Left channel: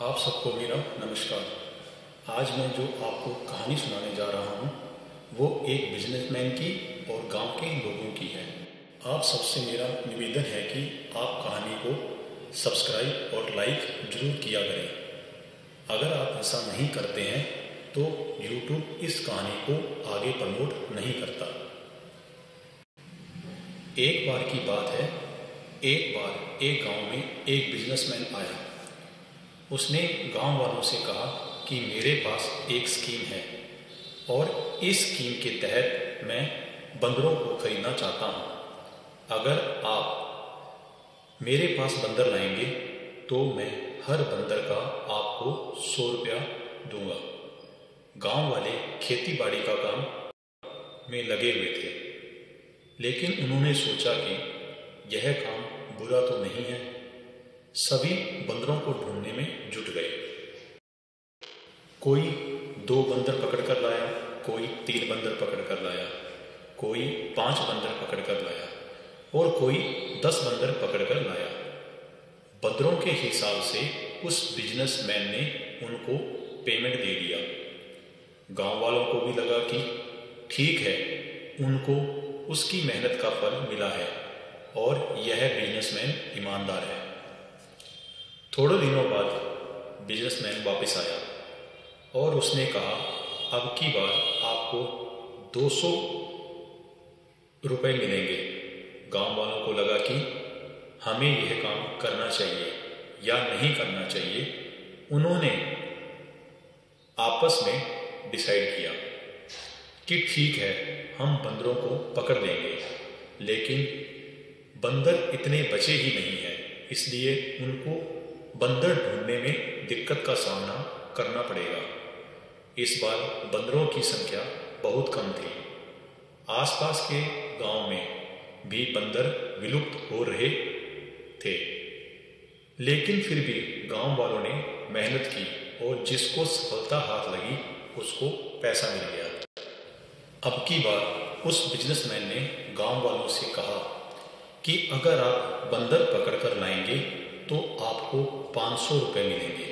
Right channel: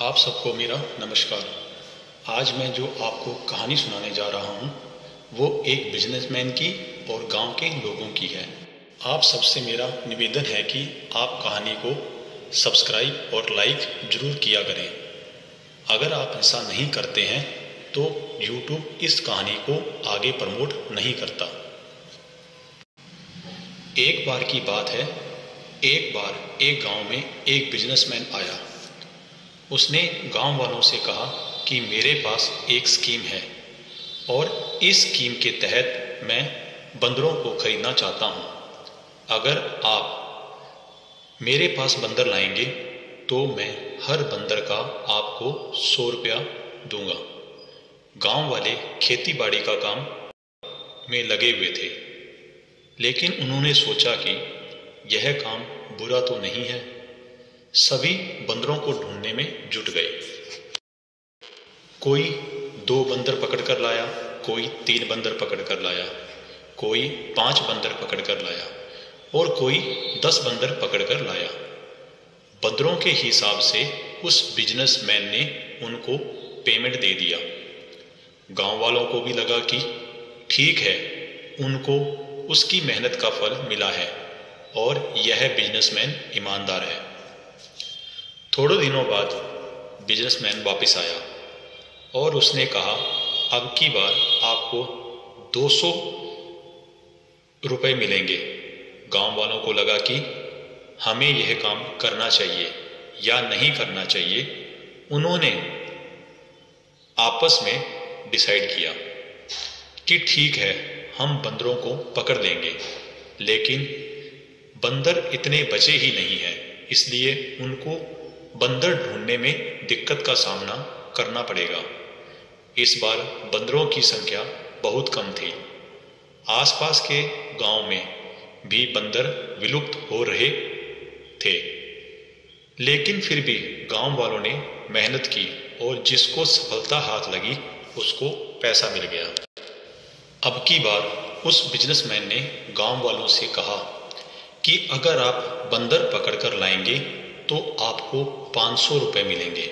आप सबको मेरा नमस्कार। आज मैं जो आपको कहानी सुनाने जा रहा हूँ वो एक बिजनेसमैन की और गांव के लोगों की है। आप सबसे मेरा निवेदन है कि आप कहानी को सब्सक्राइब और लाइक ज़रूर किया करें। अगर आप ऐसा नहीं करते हैं तो YouTube इस कहानी को आगे प्रमोट नहीं करता। एक बार की बात है, एक बार एक गांव में एक बिजनेसमैन आया। उसने गांव वालों से कहा कि मेरे पास एक स्कीम है और इस स्कीम के तहत मैं बंदरों को खरीदना चाहता हूं। अगर आप मेरे पास बंदर लाएंगे तो मैं हर बंदर का आपको 100 रुपया दूंगा। गांव वाले खेती बाड़ी का काम में लगे हुए थे, लेकिन उन्होंने सोचा कि यह काम बुरा तो नहीं है। सभी बंदरों को ढूंढने में जुट गए। कोई 2 बंदर पकड़ कर लाया, कोई 3 बंदर पकड़ कर लाया, कोई 5 बंदर पकड़ कर लाया और कोई 10 बंदर पकड़ कर लाया। बंदरों के हिसाब से उस बिजनेसमैन ने उनको पेमेंट दे दिया। गांव वालों को भी लगा कि ठीक है, उनको उसकी मेहनत का फल मिला है और यह बिजनेसमैन ईमानदार है। थोड़े दिनों बाद बिजनेसमैन वापस आया और उसने कहा, अब की बार आपको 200 रुपये मिलेंगे। गांव वालों को लगा कि हमें यह काम करना चाहिए या नहीं करना चाहिए। उन्होंने आपस में डिसाइड किया कि ठीक है, हम बंदरों को पकड़ लेंगे, लेकिन बंदर इतने बचे ही नहीं हैं, इसलिए उनको बंदर ढूंढने में दिक्कत का सामना करना पड़ेगा। इस बार बंदरों की संख्या बहुत कम थी। आसपास के गांव में भी बंदर विलुप्त हो रहे थे, लेकिन फिर भी गांव वालों ने मेहनत की और जिसको सफलता हाथ लगी उसको पैसा मिल गया। अब की बार उस बिजनेसमैन ने गांव वालों से कहा कि अगर आप बंदर पकड़ कर लाएंगे तो आपको 500 रुपये मिलेंगे।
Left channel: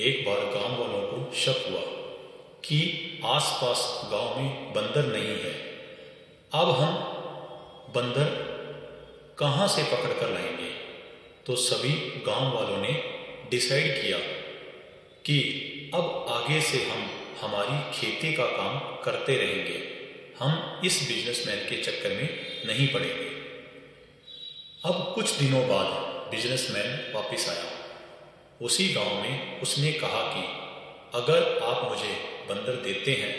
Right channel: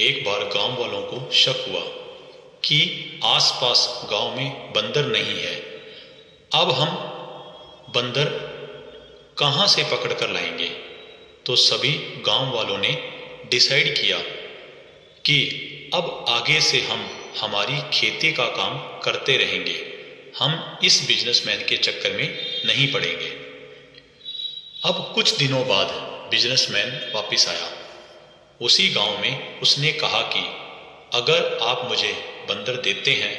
एक बार गांव वालों को शक हुआ कि आसपास गांव में बंदर नहीं है। अब हम बंदर कहाँ से पकड़ कर लाएंगे? तो सभी गांव वालों ने डिसाइड किया कि अब आगे से हम हमारी खेती का काम करते रहेंगे, हम इस बिजनेसमैन के चक्कर में नहीं पड़ेंगे। अब कुछ दिनों बाद बिजनेसमैन वापस आया। उसी गांव में उसने कहा कि अगर आप मुझे बंदर देते हैं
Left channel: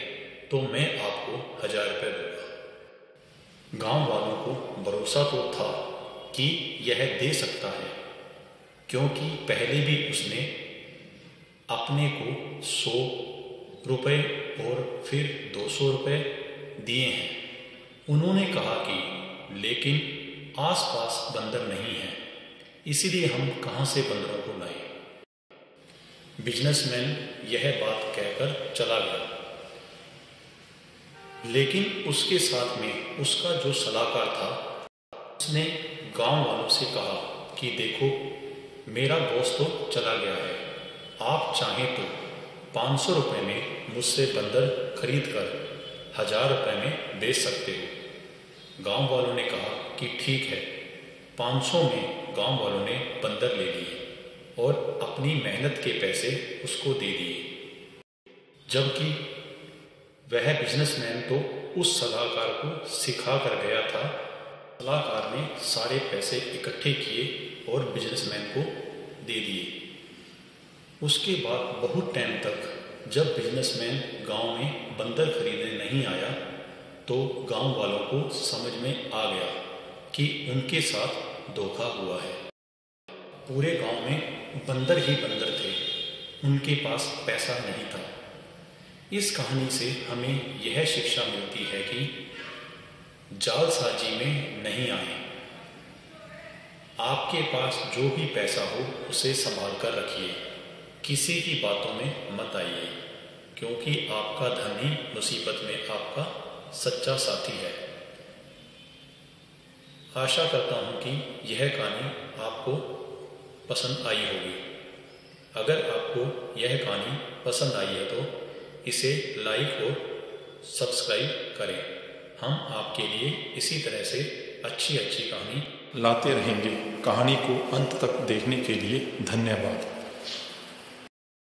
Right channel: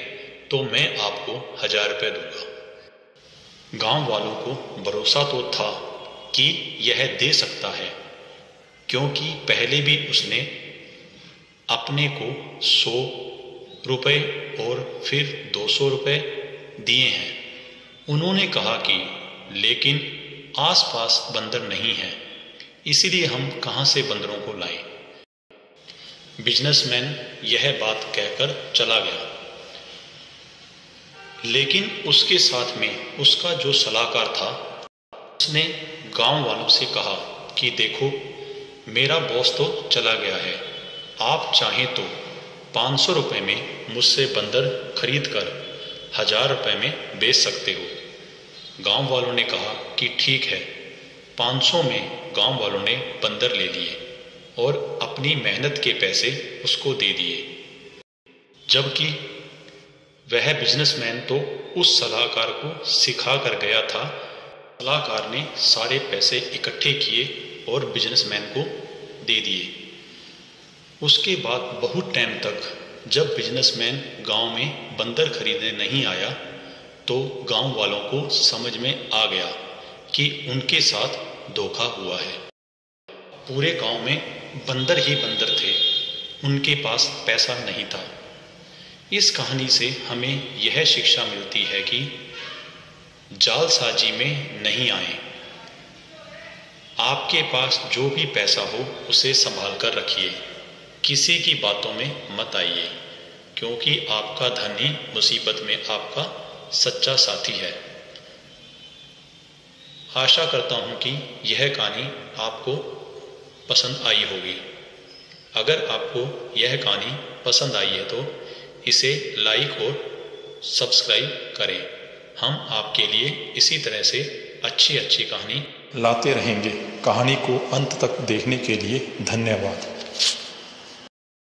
तो मैं आपको 1000 रुपये दूंगा। गांव वालों को भरोसा तो था कि यह दे सकता है, क्योंकि पहले भी उसने अपने को 100 रुपये और फिर 200 रुपये दिए हैं। उन्होंने कहा कि लेकिन आसपास बंदर नहीं हैं, इसीलिए हम कहाँ से बंदरों को लाएं। बिजनेसमैन यह बात कहकर चला गया, लेकिन उसके साथ में उसका जो सलाहकार था उसने गांव वालों से कहा कि देखो, मेरा बॉस तो चला गया है, आप चाहें तो 500 रुपये में मुझसे बंदर खरीद कर 1000 रुपये में बेच सकते हो। गांव वालों ने कहा कि ठीक है। 500 में गांव वालों ने बंदर ले लिए और अपनी मेहनत के पैसे उसको दे दिए, जबकि वह बिजनेसमैन तो उस सलाहकार को सिखा कर गया था। सलाहकार ने सारे पैसे इकट्ठे किए और बिजनेसमैन को दे दिए। उसके बाद बहुत टाइम तक जब बिजनेसमैन गांव में बंदर खरीदने नहीं आया तो गांव वालों को समझ में आ गया कि उनके साथ धोखा हुआ है। पूरे गांव में बंदर ही बंदर थे, उनके पास पैसा नहीं था। इस कहानी से हमें यह शिक्षा मिलती है कि जालसाजी में नहीं आए। आपके पास जो भी पैसा हो उसे संभाल कर रखिए, किसी की बातों में मत आइए, क्योंकि आपका धन ही मुसीबत में आपका सच्चा साथी है। आशा करता हूँ कि यह कहानी आपको पसंद आई होगी। अगर आपको यह कहानी पसंद आई है तो इसे लाइक और सब्सक्राइब करें। हम आपके लिए इसी तरह से अच्छी अच्छी कहानी लाते रहेंगे। कहानी को अंत तक देखने के लिए धन्यवाद।